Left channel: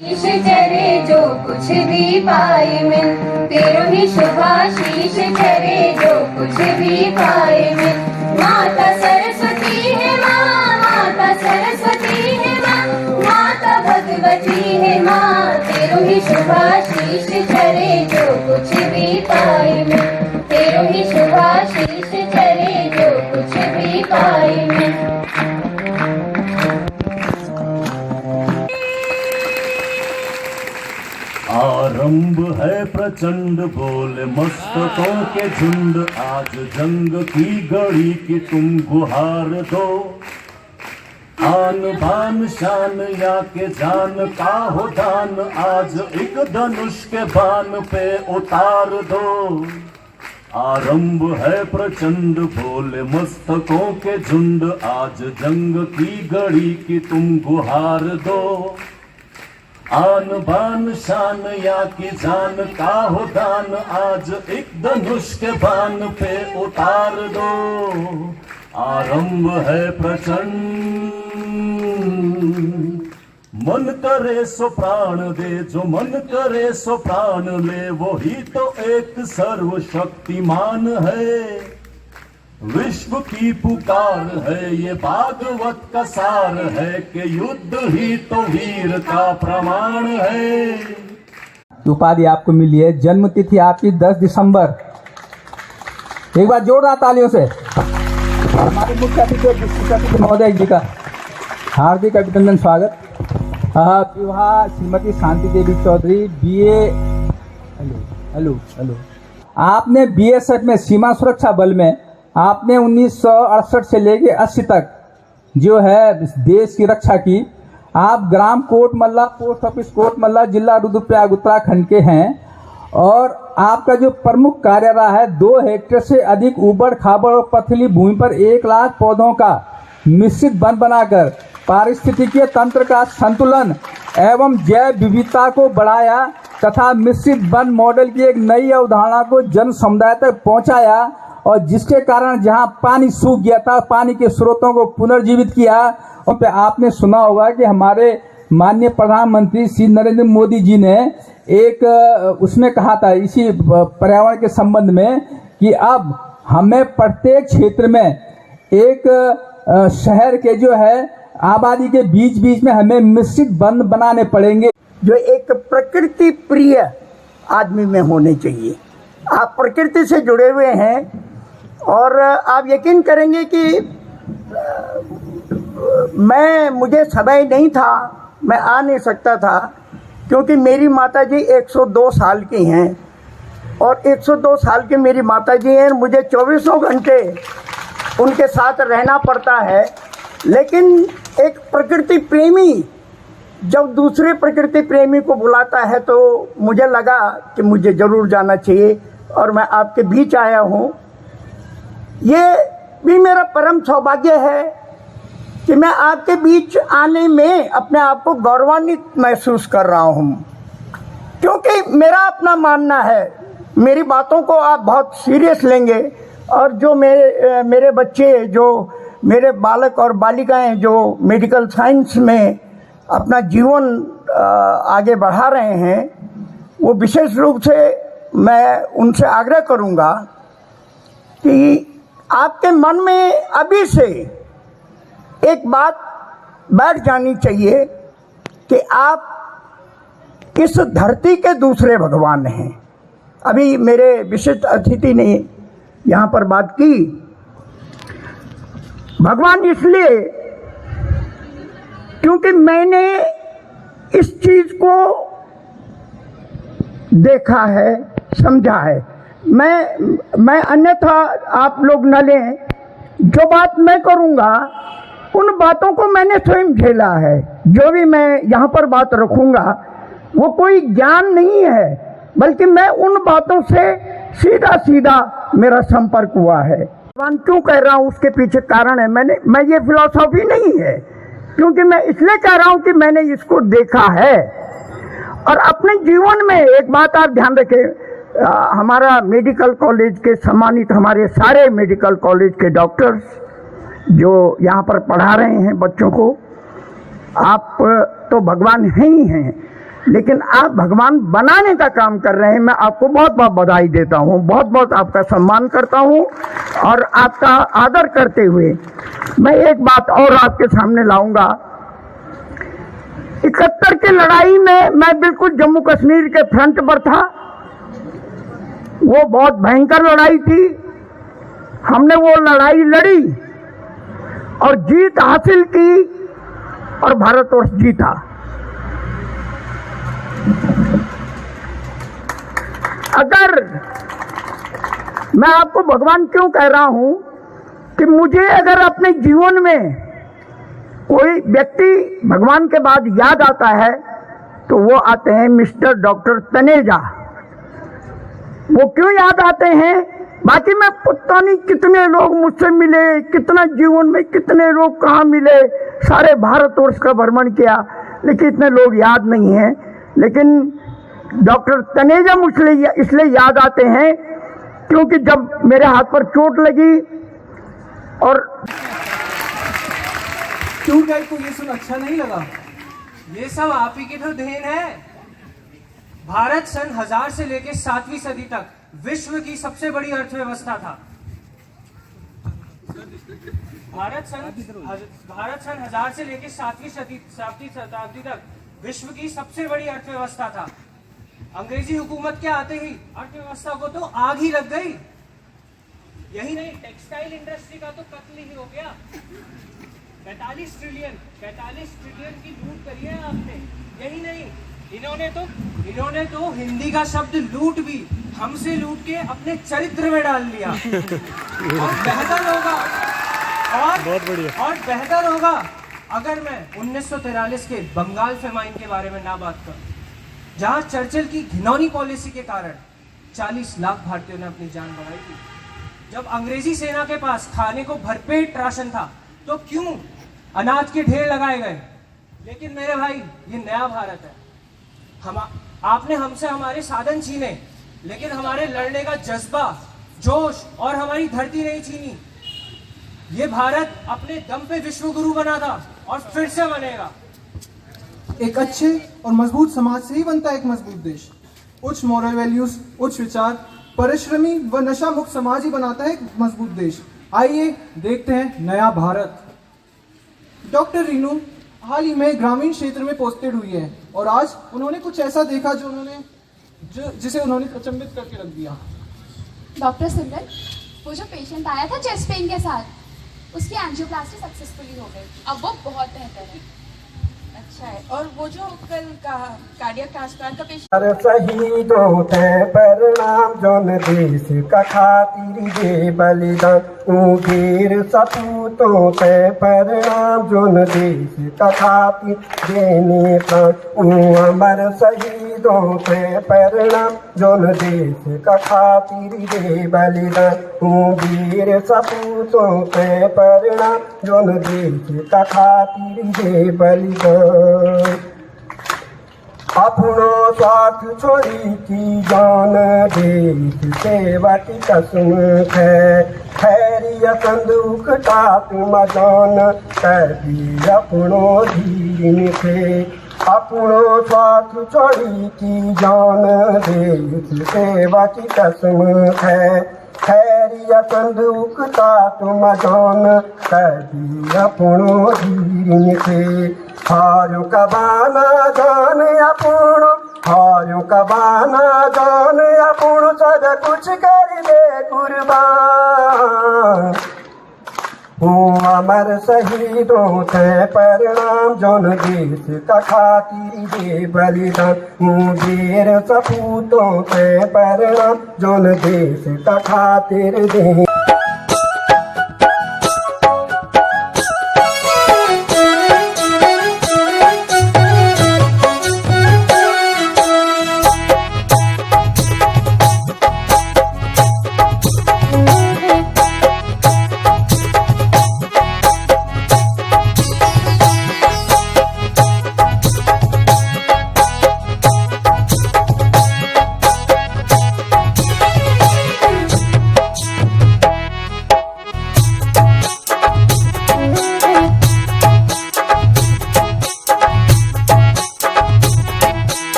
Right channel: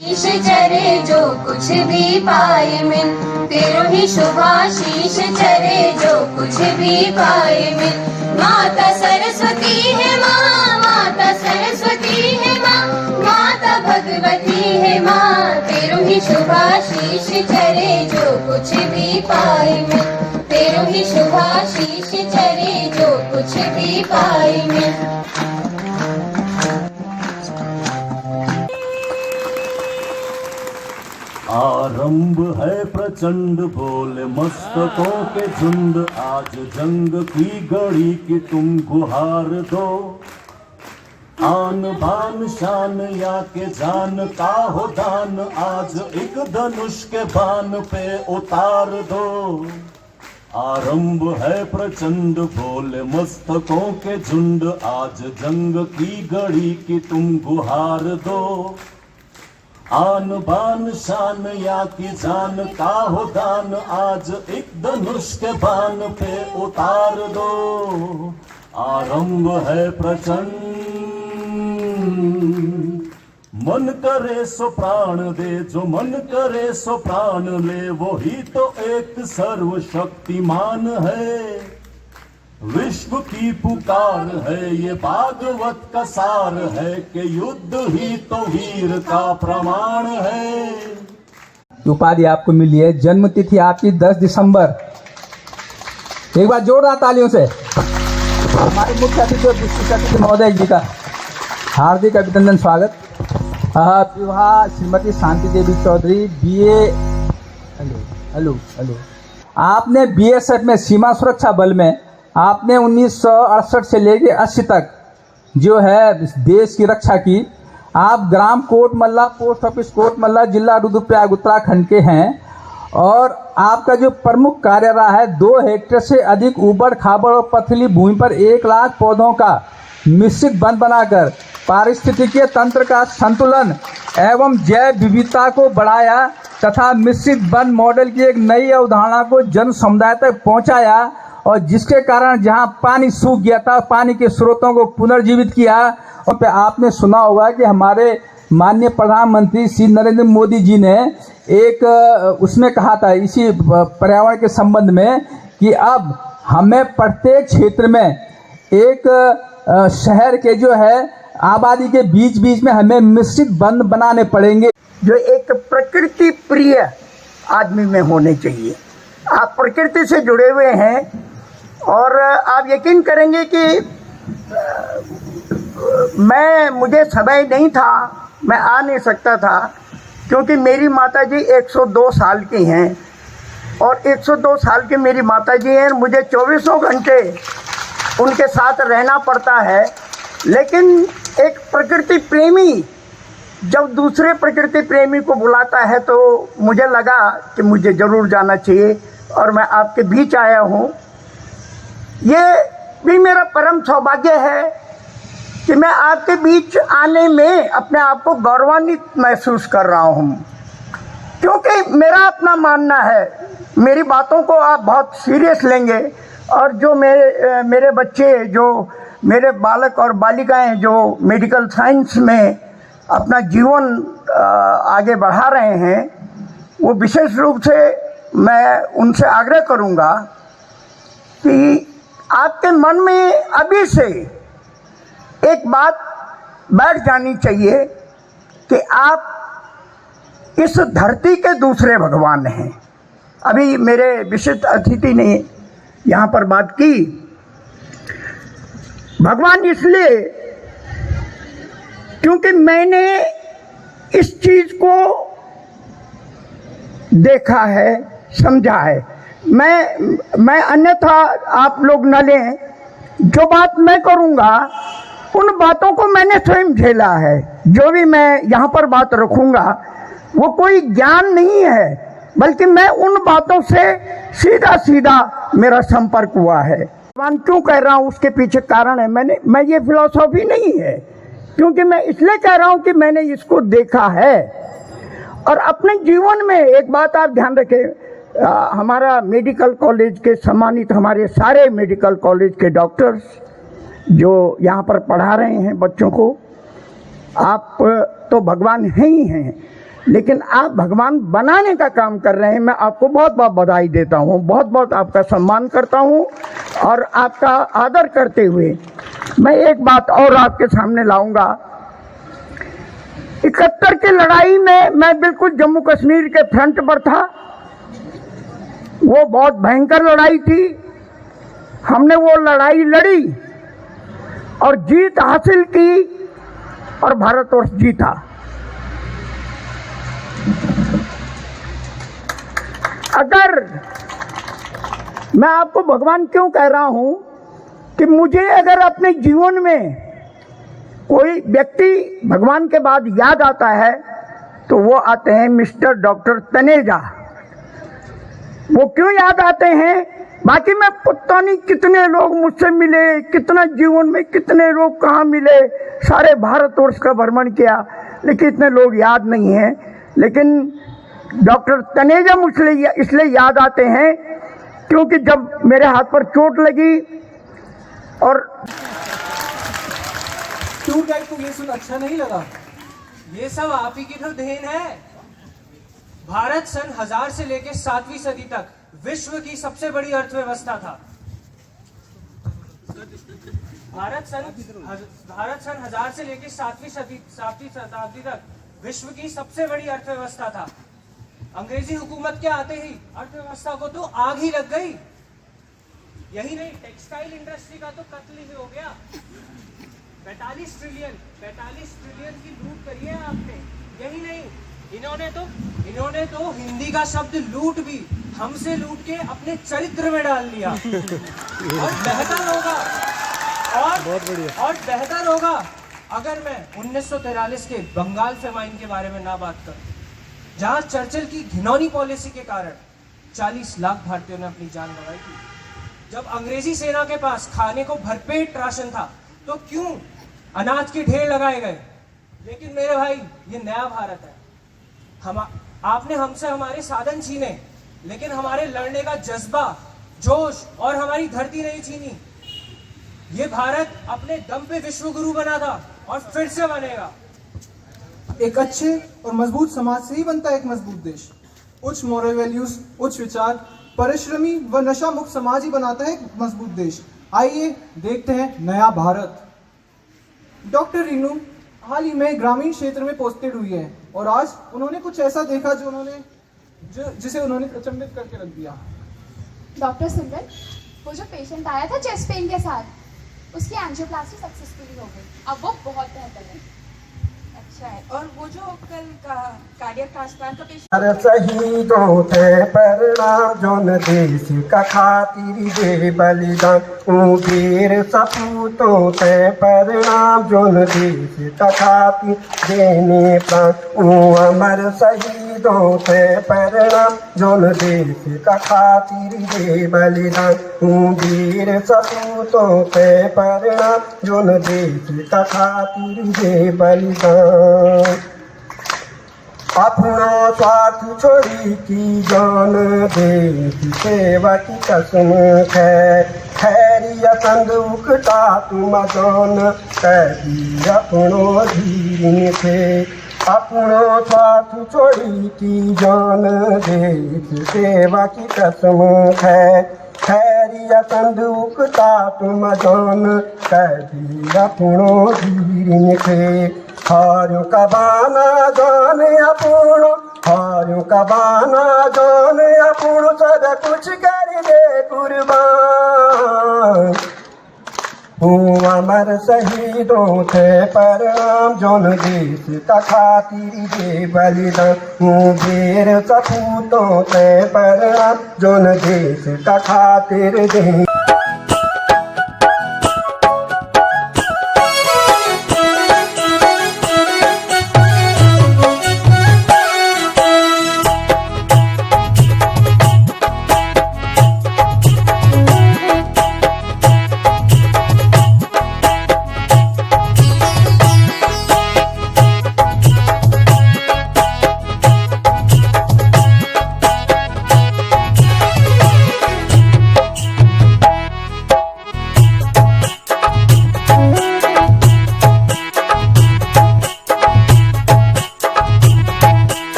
शीश चरे जो कुछ भी पाए मिल, तेरो ही शुभाशीष चरे जो कुछ भी पाए मिल। माता सरस्वती है माँ, माता सरस्वती है माँ, माता भगवती है माँ, तेरो ही शुभाशीष चरे जो कुछ भी पाए मिल, तेरो ही शुभाशीष चरे जो कुछ भी पाए मिल। आरंभ है प्रचंड बोले मस्तकों के झुंड, आज जंग की घड़ी की तुम गुहार दो। आन बान शान या के जान का हो दान, आज एक धनुष के बान पे उतार दो। आरंभ है प्रचंड बोले मस्तकों के झुंड, आज जंग की घड़ी की तुम गुहार दो। आन बान शान या की जान का हो दान, आज एक धनुष के बान पे उतार दो। आरंभ है प्रचंड, मन करे सो प्राण दे, जो मन करे सो प्राण ले, वो ही तो एक सर्वशक्तिमान है। विश्व की पुकार है ये भागवत का सार है, कि युद्ध ही तो वीर का प्रमाण है। उपाधि आपको मिली है, जन्म तिथि आपकी 10 दिसंबर। एक बार जोरदार तालियों से हमारे मुख्य अतिथि और विशिष्ट अतिथि महोदय जी का हार्दिक अभिनंदन स्वागत। विवाह श्रीमती शांति देवी चौधरी, बीए। हेलो। आपने बीएसएफ में, सीमा सुरक्षा बल में आपने 1968 से लेके 80 तक जो है देश की रक्षा की। आप ग्राम कोट मल्ला, पोस्ट ऑफिस कोट मल्ला, जिला रुद्रप्रयाग उत्तराखंड के हैं। और आपका जो प्रमुख कार्य रहा है, 2 हेक्टेयर से अधिक ऊबड़ खाबड़ और पथरीली भूमि पर 1 लाख पौधों का मिश्रित वन बनाकर पारिस्थितिकीय तंत्र का संतुलन एवं जैव विविधता को बढ़ाया तथा मिश्रित वन मॉडल की एक नई अवधारणा को जन समुदाय तक पहुंचाया, और जिसके कारण जहां पानी सूख गया था, पानी के स्रोतों को पुनर्जीवित किया। और पे आपने सुना होगा कि हमारे माननीय प्रधानमंत्री श्री नरेंद्र मोदी जी ने एक उसमें कहा था, इसी पर्यावरण के संबंध में, कि अब हमें प्रत्येक क्षेत्र में एक शहर के जो है आबादी के बीच बीच में हमें मिश्रित वन बनाने पड़ेंगे, जो एक प्रकृति प्रिय आदमी में होने चाहिए। आप प्रकृति से जुड़े हुए हैं और आप यकीन करेंगे कि मुझे समय नहीं था, मैं आ नहीं सकता था, क्योंकि मेरी माताजी 102 साल की हैं और 102 साल की मेरी माताजी हैं। मुझे 24 घंटे उनके साथ रहना पड़ता है। लेकिन एक प्रकृति प्रेमी जब दूसरे प्रकृति प्रेमी को बुलाता है तो मुझे लगा कि मुझे ज़रूर जाना चाहिए, और मैं आपके बीच आया हूँ। ये भी मेरा परम सौभाग्य है कि मैं आपके बीच आने में अपने आप को गौरवान्वित महसूस कर रहा हूँ, क्योंकि मेरा अपना मानना है, मेरी बातों को आप बहुत सीरियस लेंगे, और जो मेरे बच्चे, जो मेरे बालक और बालिकाएं जो मेडिकल साइंस में अपना जीवन आगे बढ़ा रहे हैं, वो विशेष रूप से मैं उनसे आग्रह करूंगा कि आपके मन में अभी से एक बात बैठ जानी चाहिए कि आप इस धरती के दूसरे भगवान हैं। अभी मेरे विशिष्ट अतिथि ने यहाँ पर बात की, भगवान इसलिए क्योंकि मैंने इस चीज को देखा है, समझा है। मैं अन्यथा आप लोग न लें, जो बात मैं करूंगा उन बातों को मैंने स्वयं झेला है। जो भी मैं यहाँ पर बात रखूंगा वो कोई ज्ञान नहीं है, बल्कि मैं उन बातों से सीधा सीधा मेरा संपर्क हुआ है। भगवान क्यों कह रहा हूँ, उसके पीछे कारण है। मैं ये फिलॉसफी नहीं है, क्योंकि मैं इसलिए कह रहा हूँ कि मैंने इसको देखा है। और अपने जीवन में एक बात आप ध्यान रखें, हमारा मेडिकल कॉलेज के सम्मानित, हमारे सारे मेडिकल कॉलेज के डॉक्टर्स जो यहाँ पर पढ़ा रहे हैं बच्चों को, आप तो भगवान हैं ही हैं, लेकिन आप भगवान बनाने का काम कर रहे हैं। मैं आपको बहुत बहुत बधाई देता हूँ, बहुत बहुत आपका सम्मान करता हूँ और आपका आदर करते हुए मैं एक बात और आपके सामने लाऊंगा। 71 की लड़ाई में मैं बिल्कुल जम्मू कश्मीर के फ्रंट पर था। वो बहुत भयंकर लड़ाई थी। हमने वो लड़ाई लड़ी और जीत हासिल की और भारतवर्ष जीता। अगर मैं आपको भगवान क्यों कह रहा हूं कि मुझे अगर अपने जीवन में कोई व्यक्ति भगवान के बाद याद आता है तो वो आते हैं मिस्टर डॉक्टर तनेजा। वो क्यों याद आते हैं? बाकी मैं पता नहीं कितने लोग मुझसे मिले, कितना जीवन में कितने लोग कहाँ मिले, सारे भारतवर्ष का भ्रमण किया, लेकिन इतने लोग याद नहीं हैं। लेकिन डॉक्टर तनेजा मुझे इसलिए याद आते हैं क्योंकि जब मेरे हाथ पर चोट लगी और क्यों गए तो ये सब अच्छा नहीं लगा? ये सब आप ही की तो देन है। भारत सन 1000 से लेकर 7वीं सदी तक विश्व की सबसे बड़ी अर्थव्यवस्था था। भारत सन 1000 से लेकर 7वीं शताब्दी तक विश्व की सबसे बड़ी अर्थव्यवस्था था। अंग्रेजी हुकूमत के आते ही अर्थव्यवस्था को तो आग ही लग गई। यही नहीं, टेक्सटाइल इंडस्ट्री का तो कत्ल ही हो गया। 45 ट्रिलियन की लूट करी है आपने। यही नहीं, इन्होंने तो हिंदी का शब्द लूट भी हमसे लूट के अपने चरित्र में डाल लिया। और बेहतर होगा अगर मैं 1943 के बंगाल फेमाइन के बारे में ना बात करूं, जहां चर्चिल की घिनौनी पॉलिसी के कारण 40 लाख भारतीयों ने अपनी जान गंवाई थी। जब अंग्रेजी सेना के पास खाने को भरपेट राशन था तो क्यों अनाज के ढेर लगाए गए। लेकिन मेरे भाई, ये नया भारत है। आपने हमसे हमारे साधन छीने, लेकिन हमारे लड़ने का जज्बा, जोश और हमारी धरती नहीं छीनी। ये भारत अपने दम पे विश्व गुरु बना था और फिर से बनेगा। एक अच्छे और मजबूत समाज से ही बनता है एक मजबूत देश। उच्च मॉरल वैल्यूज, उच्च विचार, परिश्रमी व नशा मुक्त समाज ही बनाता है एक मजबूत देश। आइए देखते हैं नया भारत। डॉक्टर रीनू हाल ही में ग्रामीण क्षेत्र में पोस्टेड हुई है और आज उन्होंने कुछ ऐसा देखा जिसे उन्होंने अचंभित करके रख दिया। डॉक्टर सिमरन, वो जो पेशेंट आया था चेस्ट पेन के साथ, उसकी एंजियोप्लास्टी सक्सेसफुली हो गई। अब वो बहुत बेहतर है। अच्छा है। और वो जो कल कार्डियक ट्रांसप्लांट का पेशेंट हर शहीदों ते प्रणाम जोन देश का खातिर दे बलिदान वीर सपूतों ते प्रणाम जोन देश का खातिर देने प्राण अमर शहीदों ते प्रणाम जोन देश का खातिर दे बलिदान वीर सपूतों ते प्रणाम जोन देश का खातिर दे बलिदान। अपना स्वार्थ छोड़ी की जान देश सेवा की कसम है। खैरियत दुखता तुम जान कही अपनो धीर थे। अपनो स्वार्थ छोड़ी की जान देश सेवा की कसम है। खैरियत दुखता तुम जान कही अपनो धीर थे। हारू का बाना जान अपनो, हारू का बाना जान अपनो, सदा कुछ कर दे कुर्बान। अमर शहीदों ते प्रणाम जोन देश का खातिर दे बलिदान वीर सपूतों ते प्रणाम जोन देश का खातिर दे।